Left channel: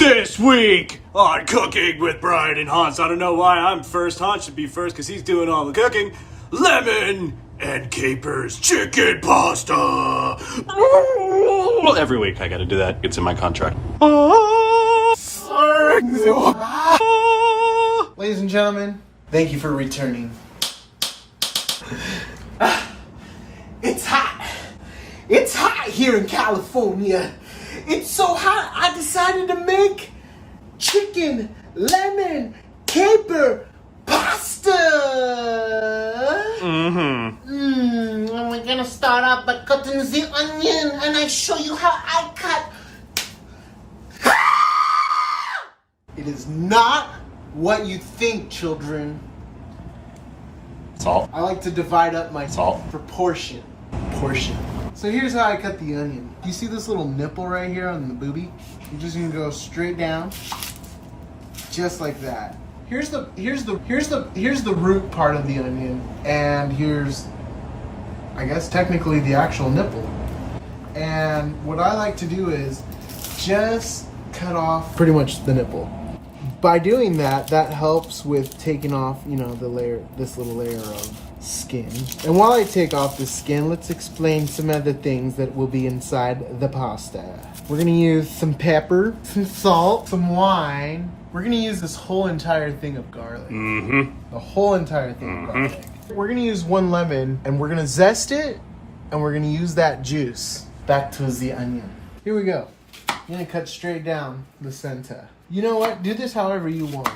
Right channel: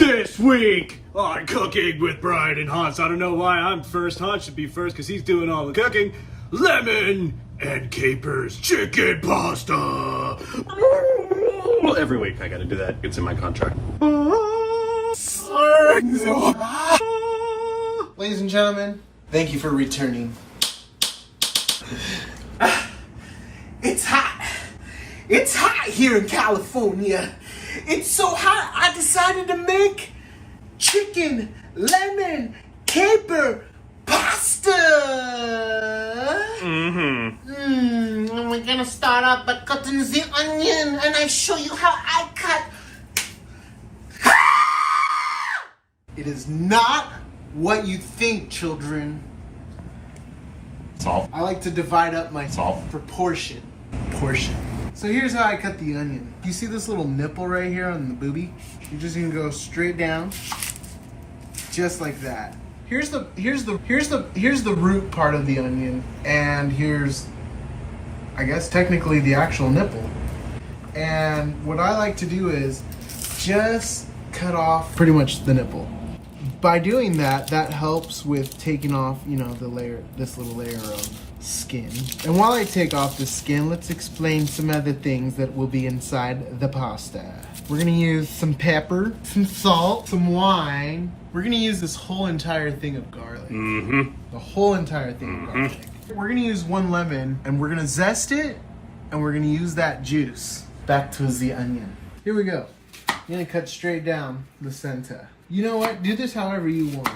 This week on Cooking with Brian and Hans. I don't know why I'm first. Hans should be first because he's doing all the cooking. Lemon and capers chicken pasta. Well, every week I gotta do that. It's in my contract. Ladies and gentlemen, thank you for returning. It's hot. It's hot here in California. It's so hot, I decided to make chicken, lemon, caper, pasta. And we're gonna start out by cutting the onion, and I show you how I cut. It is not what you think, children. Salt. I like to divide up my Salt. Portion. So here's how I cut the onion. You see this little nipple right here on the boobie? You're just gonna go straight down, just like that. Here's the root part of the onion, and here's, I guess technically the actual nipple. And what I like to do is just cut off pretty much the nipple. By doing that, that helps with taking off, the layer, this little layer of skin. And while I take off the skin, let's explain some other things that will be inside the pasta. We're gonna use some pepper, some salt, some wine. We're gonna use this whole entire thing of garlic. The whole entire thing of garlic. We're gonna use 1 lemon, and we're gonna zest it, and we're gonna use that juice back to the onion. Here we go. You're gonna cut straight down the center. You know what? Do this however you want,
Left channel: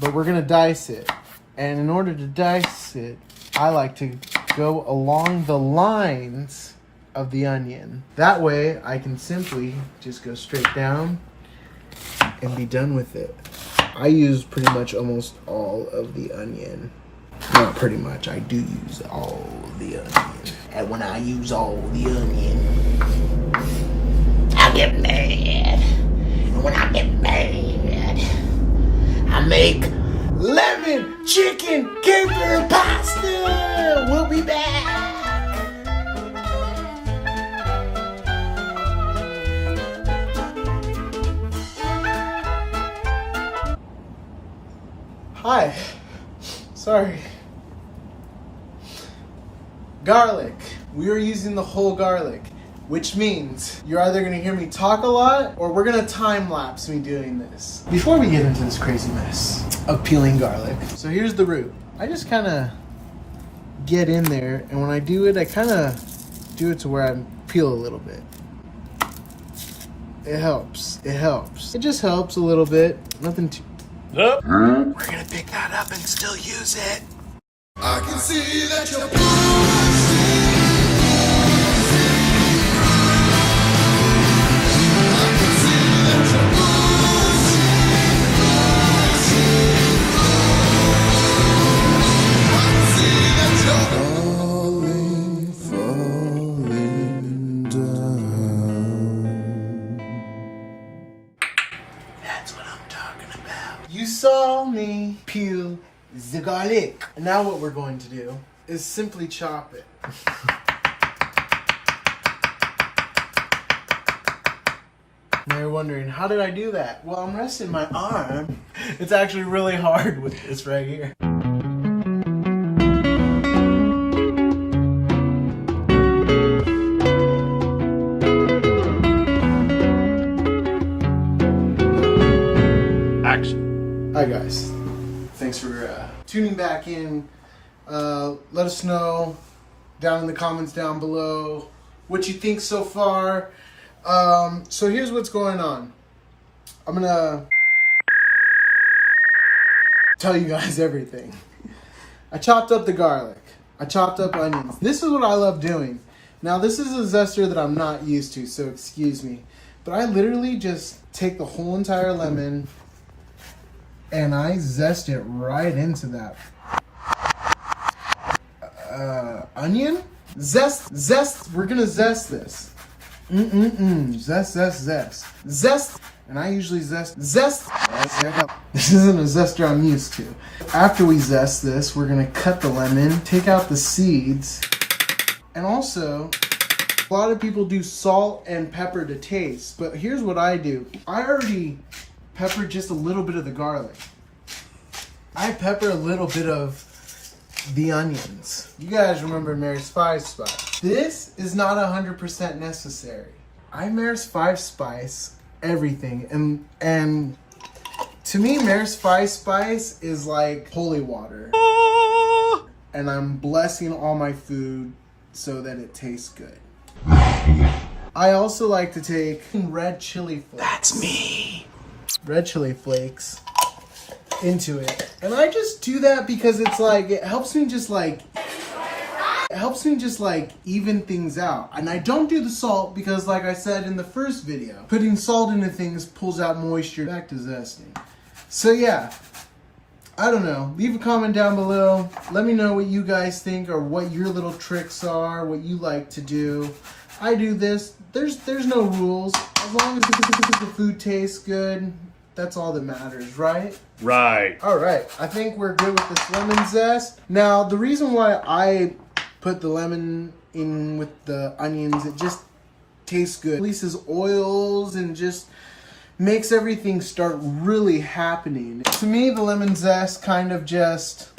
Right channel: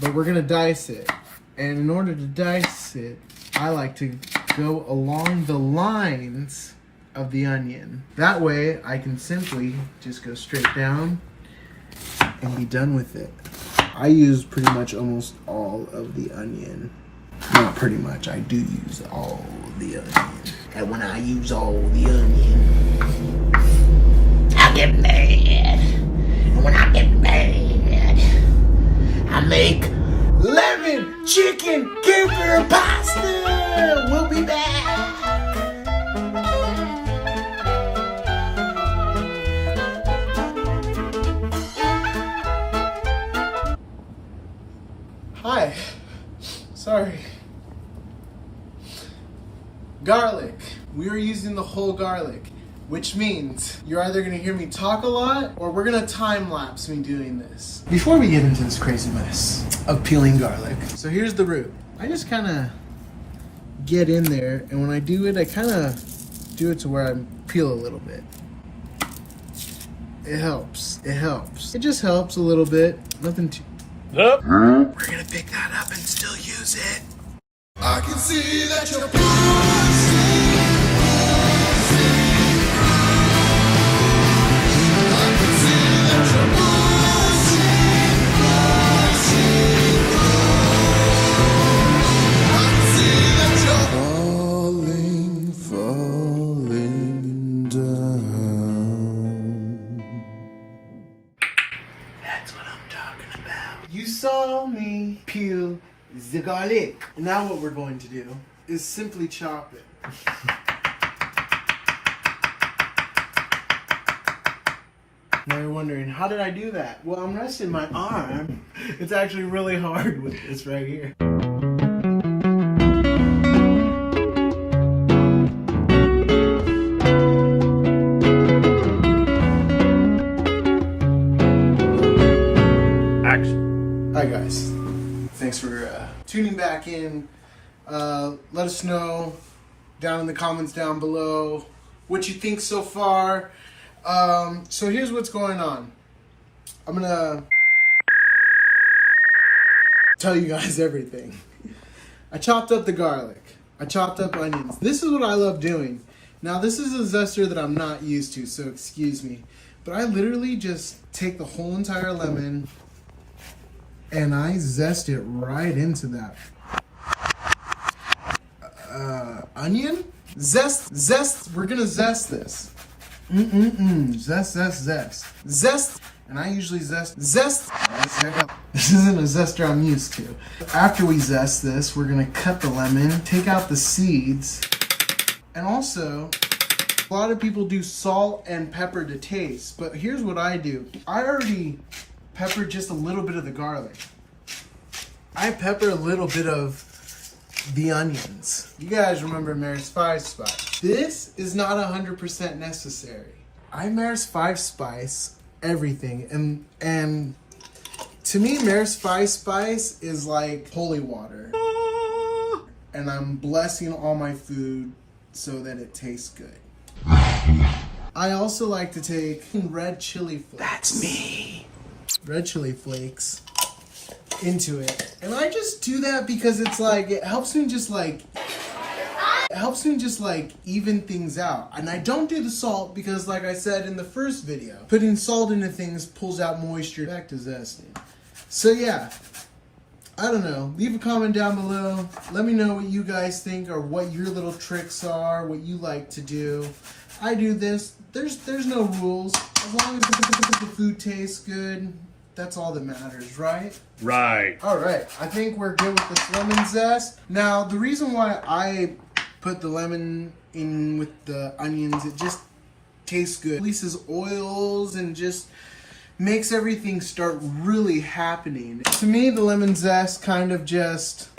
but we're gonna dice it. And in order to dice it, I like to go along the lines of the onion. That way, I can simply just go straight down and be done with it. I use pretty much almost all of the onion. Not pretty much, I do use all the onion. And when I use all the onion, I get mad. And when I get mad, I make lemon chicken caper pasta. We'll be back. Hi. Sorry. Garlic. We are using the whole garlic, which means you're either gonna hear me talk a lot or we're gonna time lapse me doing this. Before we get into this crazy mess of peeling garlic, so here's the root. I just kind of get in there, and when I do it, I kind of do it to where I peel a little bit. It helps. It helps. It just helps a little bit. Nothing too. We're gonna pick that up and still use it. I can see that you're falling down. That's what I'm talking about. You saw me peel the garlic. Now what we're going to do is simply chop it. Now you're wondering, how did I do that? Well, I'm resting my arm. It's actually really hard with this right here. Action. Hi guys. Thanks for tuning back in. Let us know down in the comments down below what you think so far. So here's what's going on. I'm gonna tell you guys everything. I chopped up the garlic. I chopped up onions. This is what I love doing. Now this is a zester that I'm not used to, so excuse me. But I literally just take the whole entire lemon and I zest it right into that onion. Zest. We're gonna zest this. Zest. And I usually zest. This isn't a zester I'm used to. After we zest this, we're gonna cut the lemon, take out the seeds, and also, a lot of people do salt and pepper to taste, but here's what I do. I already pepper just a little bit of the garlic. I pepper a little bit of the onions. You guys remember Mare's 5 spice. This is not 100% necessary. I Mare's 5 spice everything, and to me Mare's 5 spice is like holy water. And I'm blessing all my food so that it tastes good. I also like to take red chili flakes. That's me. Red chili flakes into it. And I just do that because it's like, it helps me just like even things out. And I don't do the salt because, like I said in the first video, putting salt into things pulls out moisture. Back to zesting. So yeah, I don't know. Leave a comment down below. Let me know what you guys think or what your little tricks are, what you like to do. I do this. There's no rules. As long as the food tastes good, that's all that matters, right? Right. All right. I think we're good with this lemon zest. Now, the reason why I put the lemon in with the onions, it just tastes good. Releases oils and just makes everything start really happening. To me, the lemon zest kind of just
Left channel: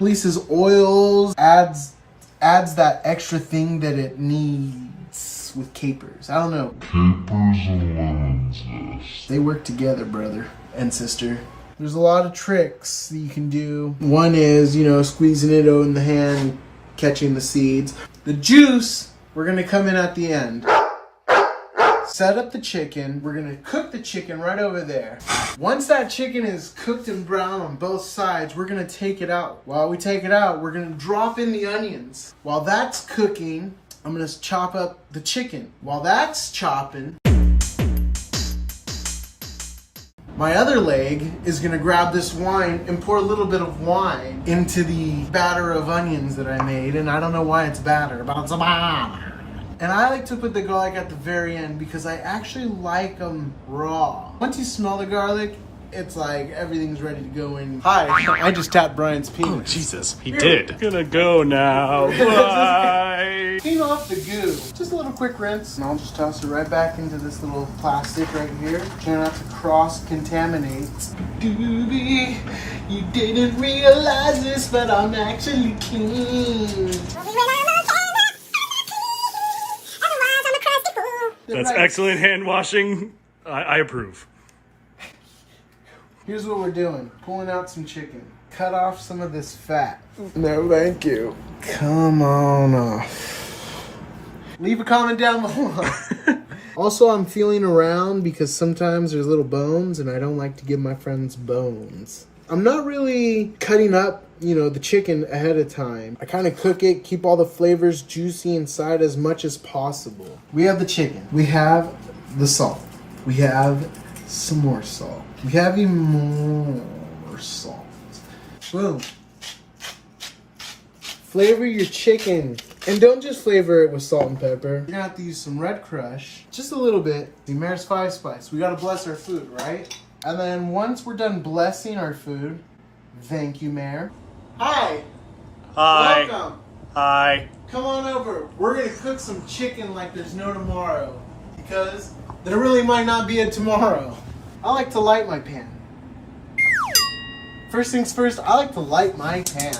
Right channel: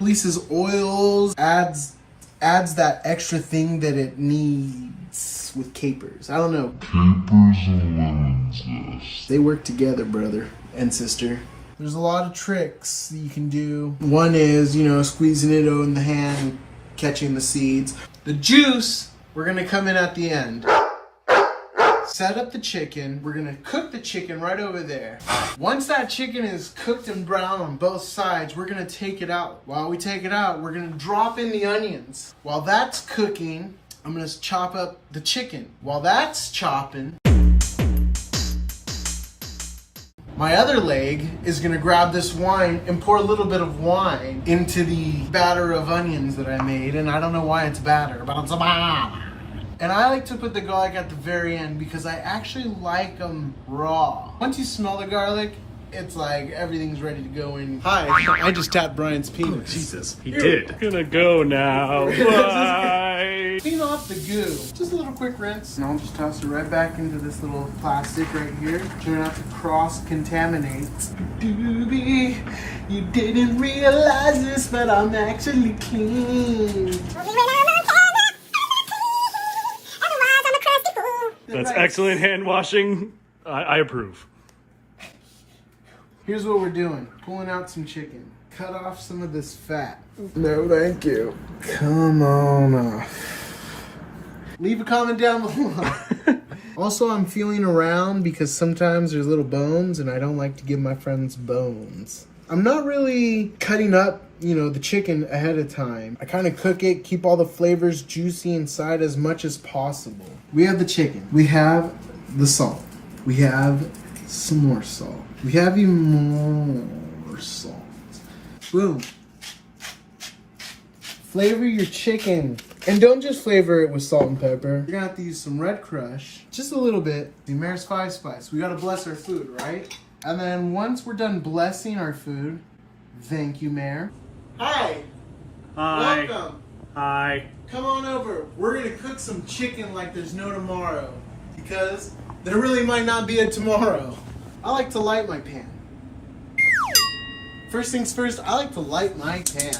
releases oils, adds that extra thing that it needs with capers. I don't know. Capers and lemon zest. They work together, brother and sister. There's a lot of tricks that you can do. One is, squeezing it in the hand, catching the seeds. The juice, we're gonna come in at the end. Set up the chicken. We're gonna cook the chicken right over there. Once that chicken is cooked and brown on both sides, we're gonna take it out. While we take it out, we're gonna drop in the onions. While that's cooking, I'm gonna chop up the chicken. While that's chopping, my other leg is gonna grab this wine and pour a little bit of wine into the batter of onions that I made. And I don't know why it's batter, but it's a batter. And I like to put the garlic at the very end because I actually like them raw. Once you smell the garlic, it's like everything's ready to go in. Hi, I just tapped Brian's penis. Oh, Jesus. He did. Gonna go now. Bye. Clean off the goo. Just a little quick rinse. And I'll just toss it right back into this little plastic right here. Try not to cross-contaminate. Doobie, you didn't realize this, but I'm actually clean. That's excellent hand washing. I approve. Here's what we're doing. Pulling out some chicken. Cut off some of this fat. No, thank you. Come on off. Leave a comment down below. Also, I'm feeling around because sometimes there's little bones and I don't like to give my friends bones. I'm not really cutting up, the chicken ahead of time. I kind of cook it, keep all the flavors juicy inside as much as possible. We have the chicken. We have the salt. We have some more salt. We have even more salt. Boom. Flavor your chicken. And don't just flavor it with salt and pepper. You're gonna have to use some red crush. Just a little bit. Mare's 5 spice. We gotta bless our food, right? And then once we're done blessing our food, thank you, Mare. Hi. Hi. Welcome. Hi. Come on over. We're gonna cook some chicken like there's no tomorrow. Because there really might not be a tomorrow. I like to light my pan. First things first, I like to light my pan.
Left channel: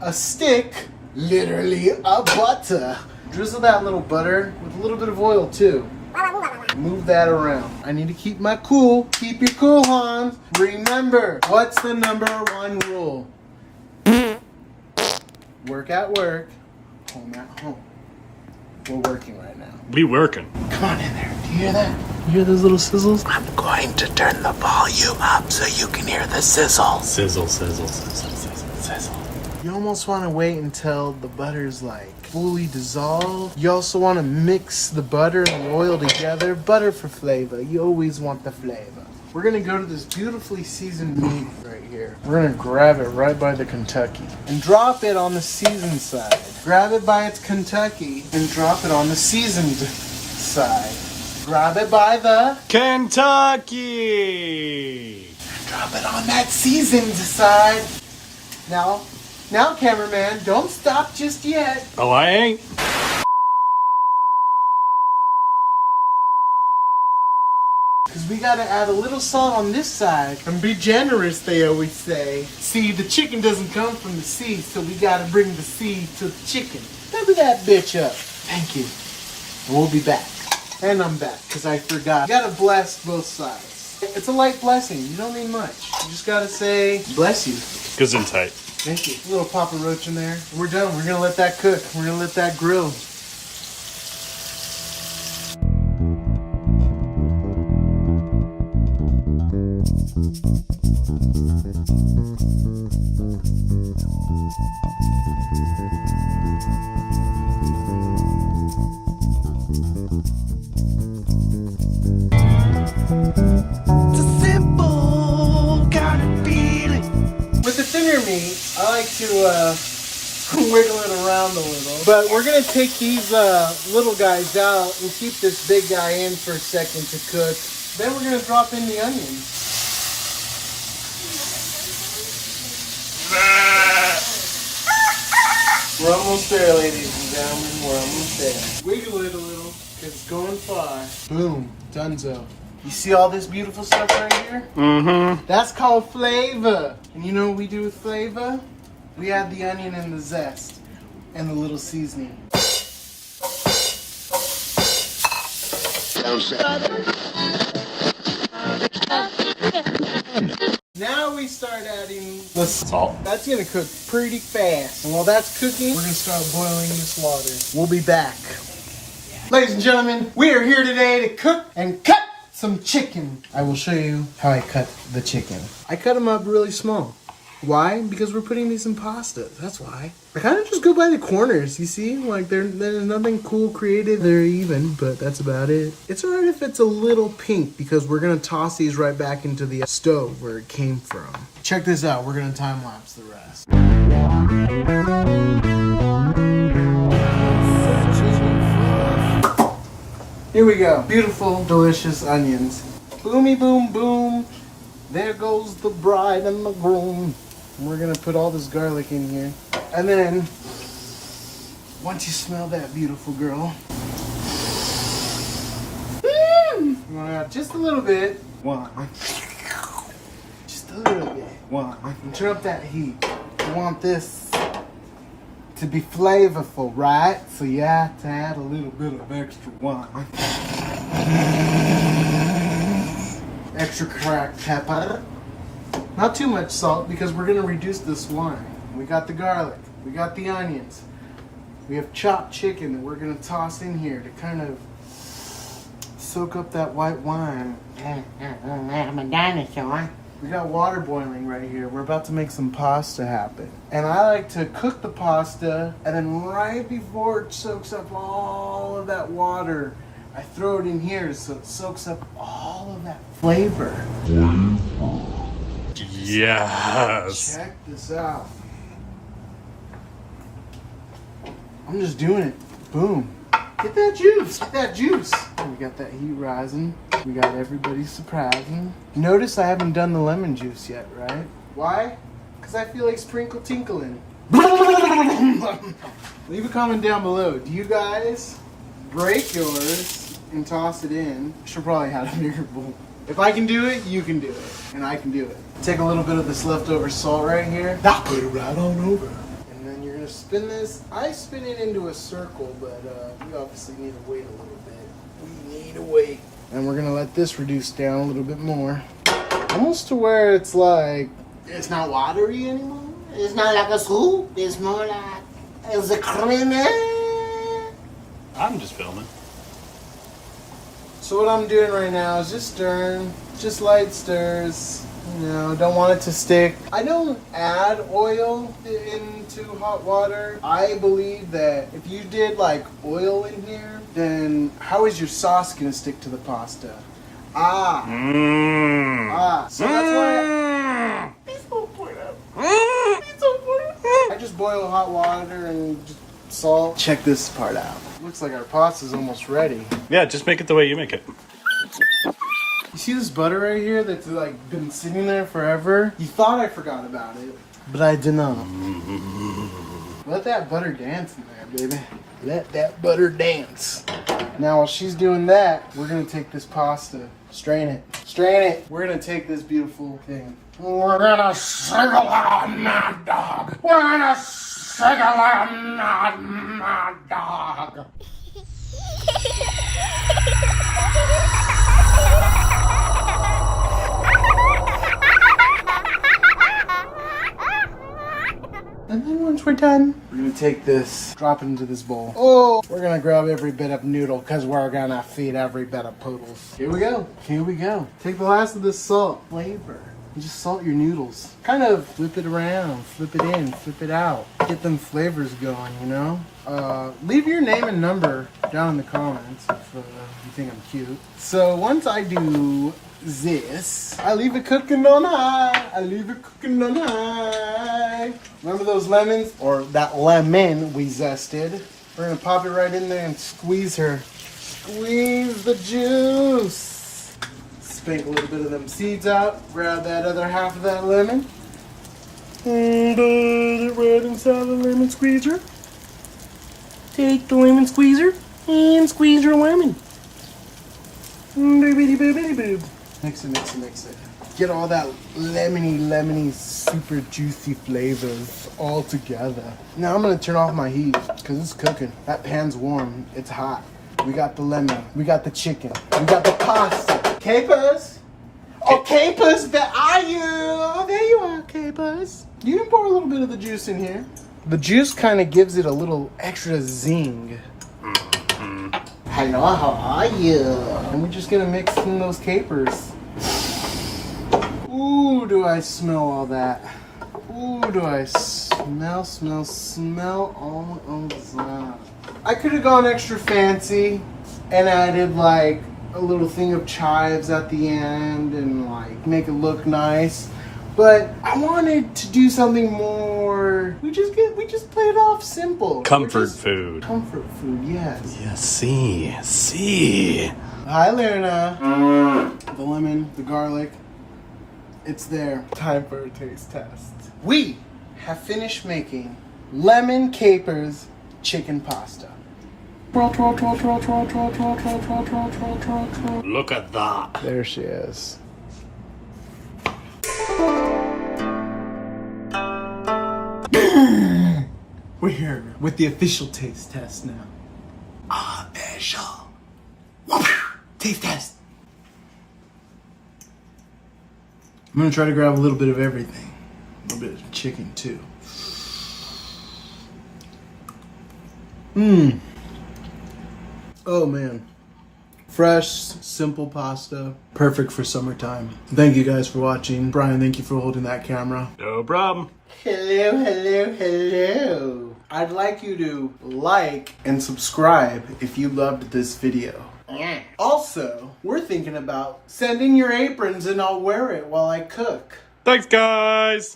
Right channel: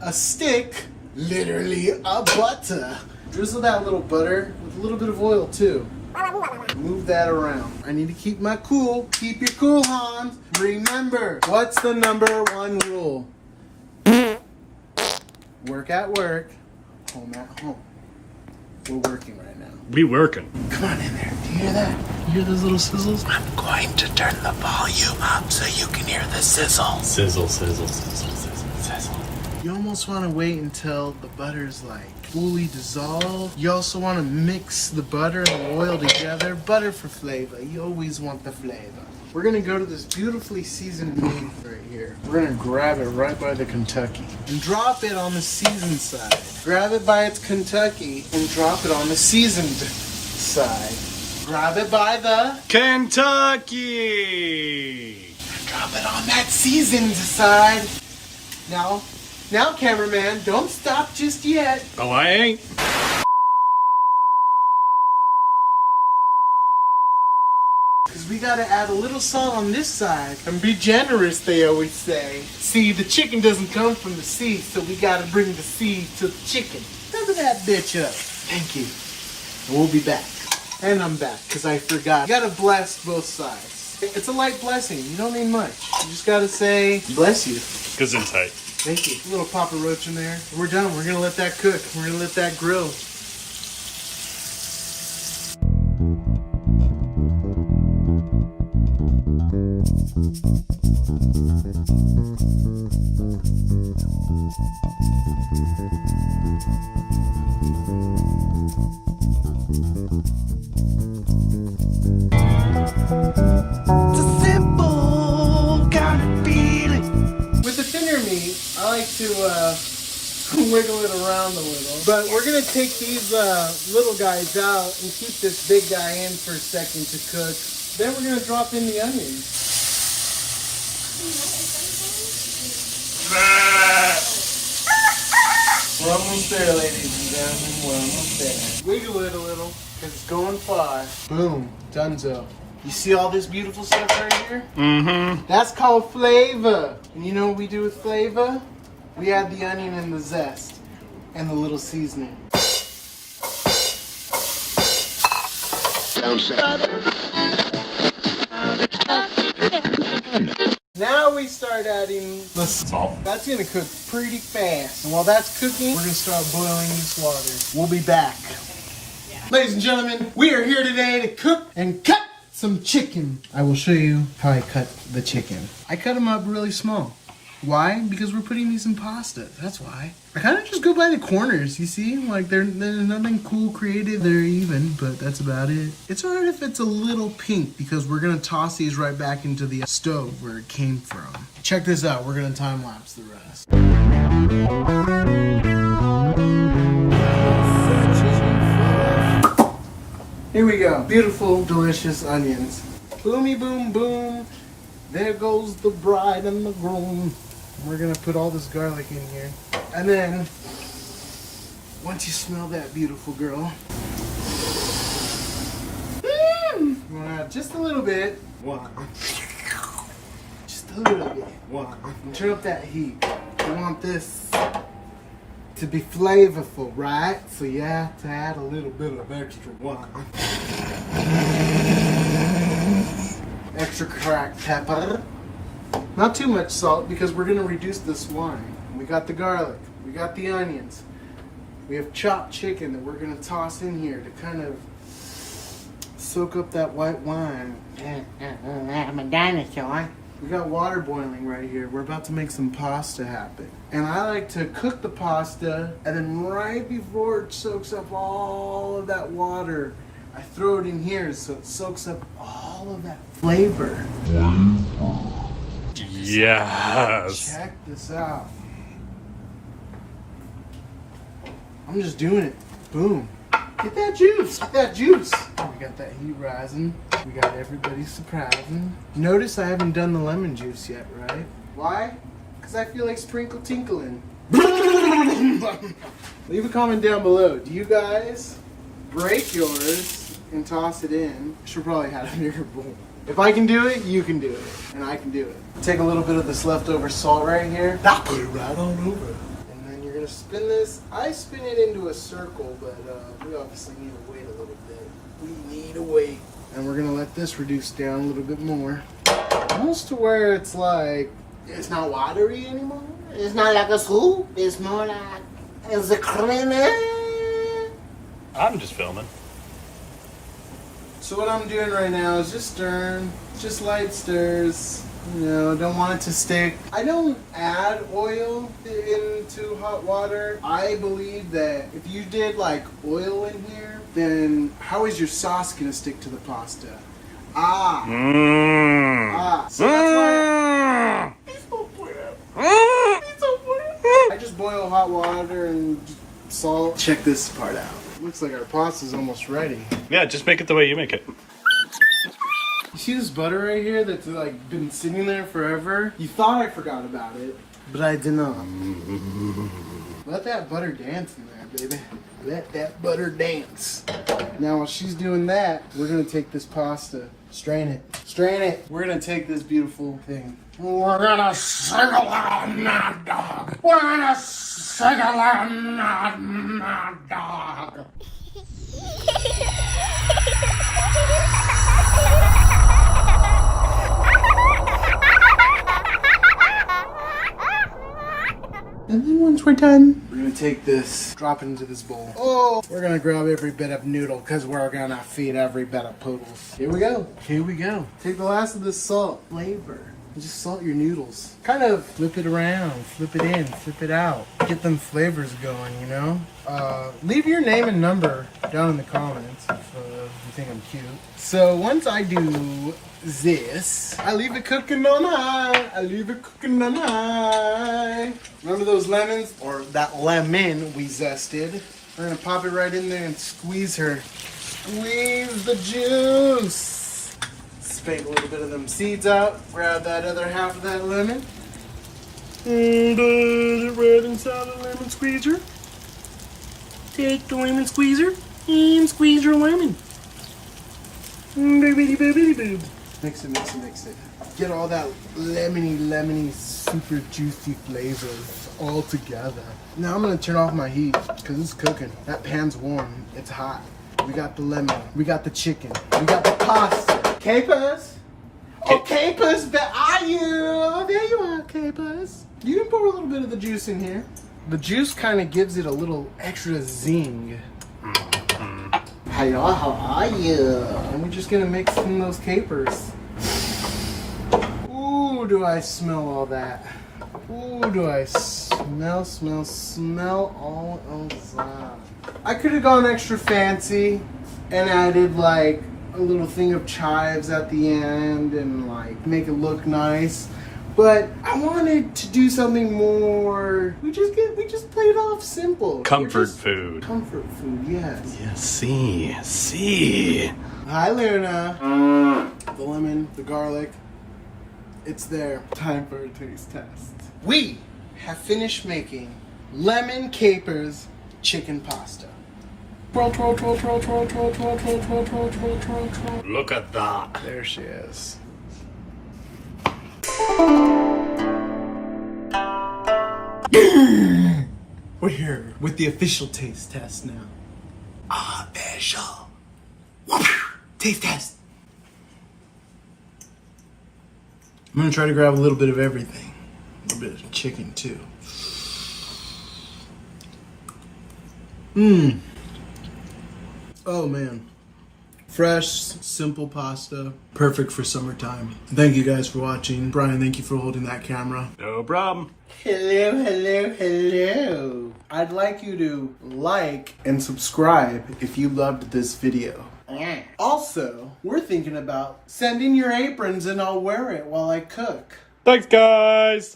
A stick, literally a butter. Drizzle that little butter with a little bit of oil too. Move that around. I need to keep my cool. Keep your cool, Hans. Remember, what's the #1 rule? Work at work, home at home. We're working right now. We working. Come on in there. Do you hear that? You hear those little sizzles? I'm going to turn the volume up so you can hear the sizzle. Sizzle, sizzle, sizzle, sizzle, sizzle. You almost want to wait until the butter's like fully dissolved. You also want to mix the butter and the oil together. Butter for flavor. You always want the flavor. We're going to go to this beautifully seasoned meat right here. We're going to grab it right by the Kentucky and drop it on the seasoned side. Grab it by its Kentucky and drop it on the seasoned side. Grab it by the Kentucky. and drop it on that seasoned side. Now, cameraman, don't stop just yet. Oh, I ain't. Because we gotta add a little salt on this side and be generous, they always say. See, the chicken doesn't come from the sea, so we gotta bring the sea to the chicken. Cover that bitch up. Thank you. We'll be back. And I'm back, because I forgot. You gotta bless both sides. It's a light blessing. You don't need much. You just gotta say, bless you. Gesundheit. Thank you. A little Papa Roach in there. We're done. We're gonna let that cook. We're gonna let that grill. I like to wiggle it around a little. But we're going to take these little guys out and keep this big guy in for a second to cook. Then we're going to drop in the onions. We're almost there, ladies and gentlemen. We're almost there. Wiggle it a little because it's going far. Boom. Donezo. You see all this beautiful stuff right here? Mm-hmm. That's called flavor. And you know what we do with flavor? We add the onion and the zest and the little seasoning. Now we start adding the salt. That's gonna cook pretty fast. And while that's cooking, we're gonna start boiling this water. We'll be back. Ladies and gentlemen, we are here today to cook and cut some chicken. I will show you how I cut the chicken. I cut them up really small. Why? Because we're putting these in pasta. That's why. I kind of just go by the corners, you see? Like, there's nothing cool created. They're even, but that's about it. It's alright if it's a little pink because we're going to toss these right back into the stove where it came from. Check this out. We're going to time-lapse the rest. Here we go. Beautiful, delicious onions. Boomy boom boom. There goes the bride and the groom. We're gonna put all this garlic in here. And then, once you smell that, beautiful girl. Just a little bit. Just a little bit. And turn up that heat. You want this to be flavorful, right? So you have to add a little bit of extra wine. Extra cracked pepper. Not too much salt because we're gonna reduce this wine. We got the garlic, we got the onions, we have chopped chicken that we're gonna toss in here to kind of soak up that white wine. I'm a dinosaur. We got water boiling right here. We're about to make some pasta happen. And I like to cook the pasta, and then right before it soaks up all of that water, I throw it in here so it soaks up all of that flavor. Yes. Check this out. I'm just doing it. Boom. Get that juice. Get that juice. We got that heat rising. We got everybody surprising. Notice I haven't done the lemon juice yet, right? Why? Because I feel like sprinkle tinkling. Leave a comment down below. Do you guys break yours and toss it in? Should probably have a bigger bowl. If I can do it, you can do it. And I can do it. Take a little bit of this leftover salt right here. Now put it right on over. And then you're going to spin this. I spin it into a circle, but we obviously need to wait a little bit. We need to wait. And we're going to let this reduce down a little bit more. Almost to where it's like, it's not watery anymore. It's not like a soup. It's more like, it's a creamy. I'm just filming. So what I'm doing right now is just stirring, just light stirs. You know, don't want it to stick. I don't add oil into hot water. I believe that if you did like oil in here, then how is your sauce gonna stick to the pasta? So that's why I just boil hot water and just salt. Check this part out. Looks like our pasta's almost ready. Yeah, just make it the way you make it. You see this butter right here that's like been sitting there forever? You thought I forgot about it, but I did not. Let that butter dance in there, baby. Let that butter dance. Now while she's doing that, we're gonna take this pasta, strain it. Strain it. We're gonna take this beautiful thing. We're gonna sing along, mad dog. We're gonna sing along, mad dog. And then once we're done, we're gonna take this, drop it into this bowl. Oh, we're gonna grab every bit of noodle because we're gonna feed every bit of poodles. Here we go. Here we go. Take the last of this salt flavor and just salt your noodles. Kind of flip it around, flip it in, flip it out. Get them flavors going, you know? Leave your name and number down in the comments if you think I'm cute. So once I do this, I leave it cooking on high. I leave it cooking on high. Remember those lemons? Or that lemon we zested? We're gonna pop it right in there and squeeze her. Squeeze the juice. Spank a little bit of them seeds out. Grab that other half of that lemon. And put it right inside the lemon squeezer. Take the lemon squeezer and squeeze your lemon. Boobity boobity boob. Mix it, mix it, mix it. Get all that lemony, super juicy flavors all together. Now I'm gonna turn off my heat because it's cooking. That pan's warm, it's hot. We got the lemon, we got the chicken, we got the pasta. Capers? Oh, Capers, where are you? Oh, there you are, Capers. You can pour a little bit of the juice in here. The juice kind of gives it a little extra zing. Hello, how are you? And we're just gonna mix in those capers. Ooh, do I smell all that? Ooh, do I smell all of that? I could have gone extra fancy and added like a little thing of chives at the end and like make it look nice. But I wanted to do something more. We just played off simple. Comfort food. Comfort food, yes. Yeah, see. Hi, Luna. The lemon, the garlic, it's there. Time for a taste test. We have finished making lemon capers chicken pasta. Twirl, twirl, twirl, twirl, twirl, twirl, twirl, twirl, twirl, twirl, twirl, twirl, twirl. Look at that. There she is. We're here with the official taste test now. Official. Taste test. I'm gonna try to grab a little bit of everything. A little bit of chicken too. Oh man. Fresh, simple pasta. Perfect for summertime. Thank you guys for watching. Brian, thank you for holding that camera. No problem. Hello, hello, hello. I'd like you to like and subscribe if you loved this video. Also, we're thinking about sending your aprons and I'll wear it while I cook. Thanks, guys.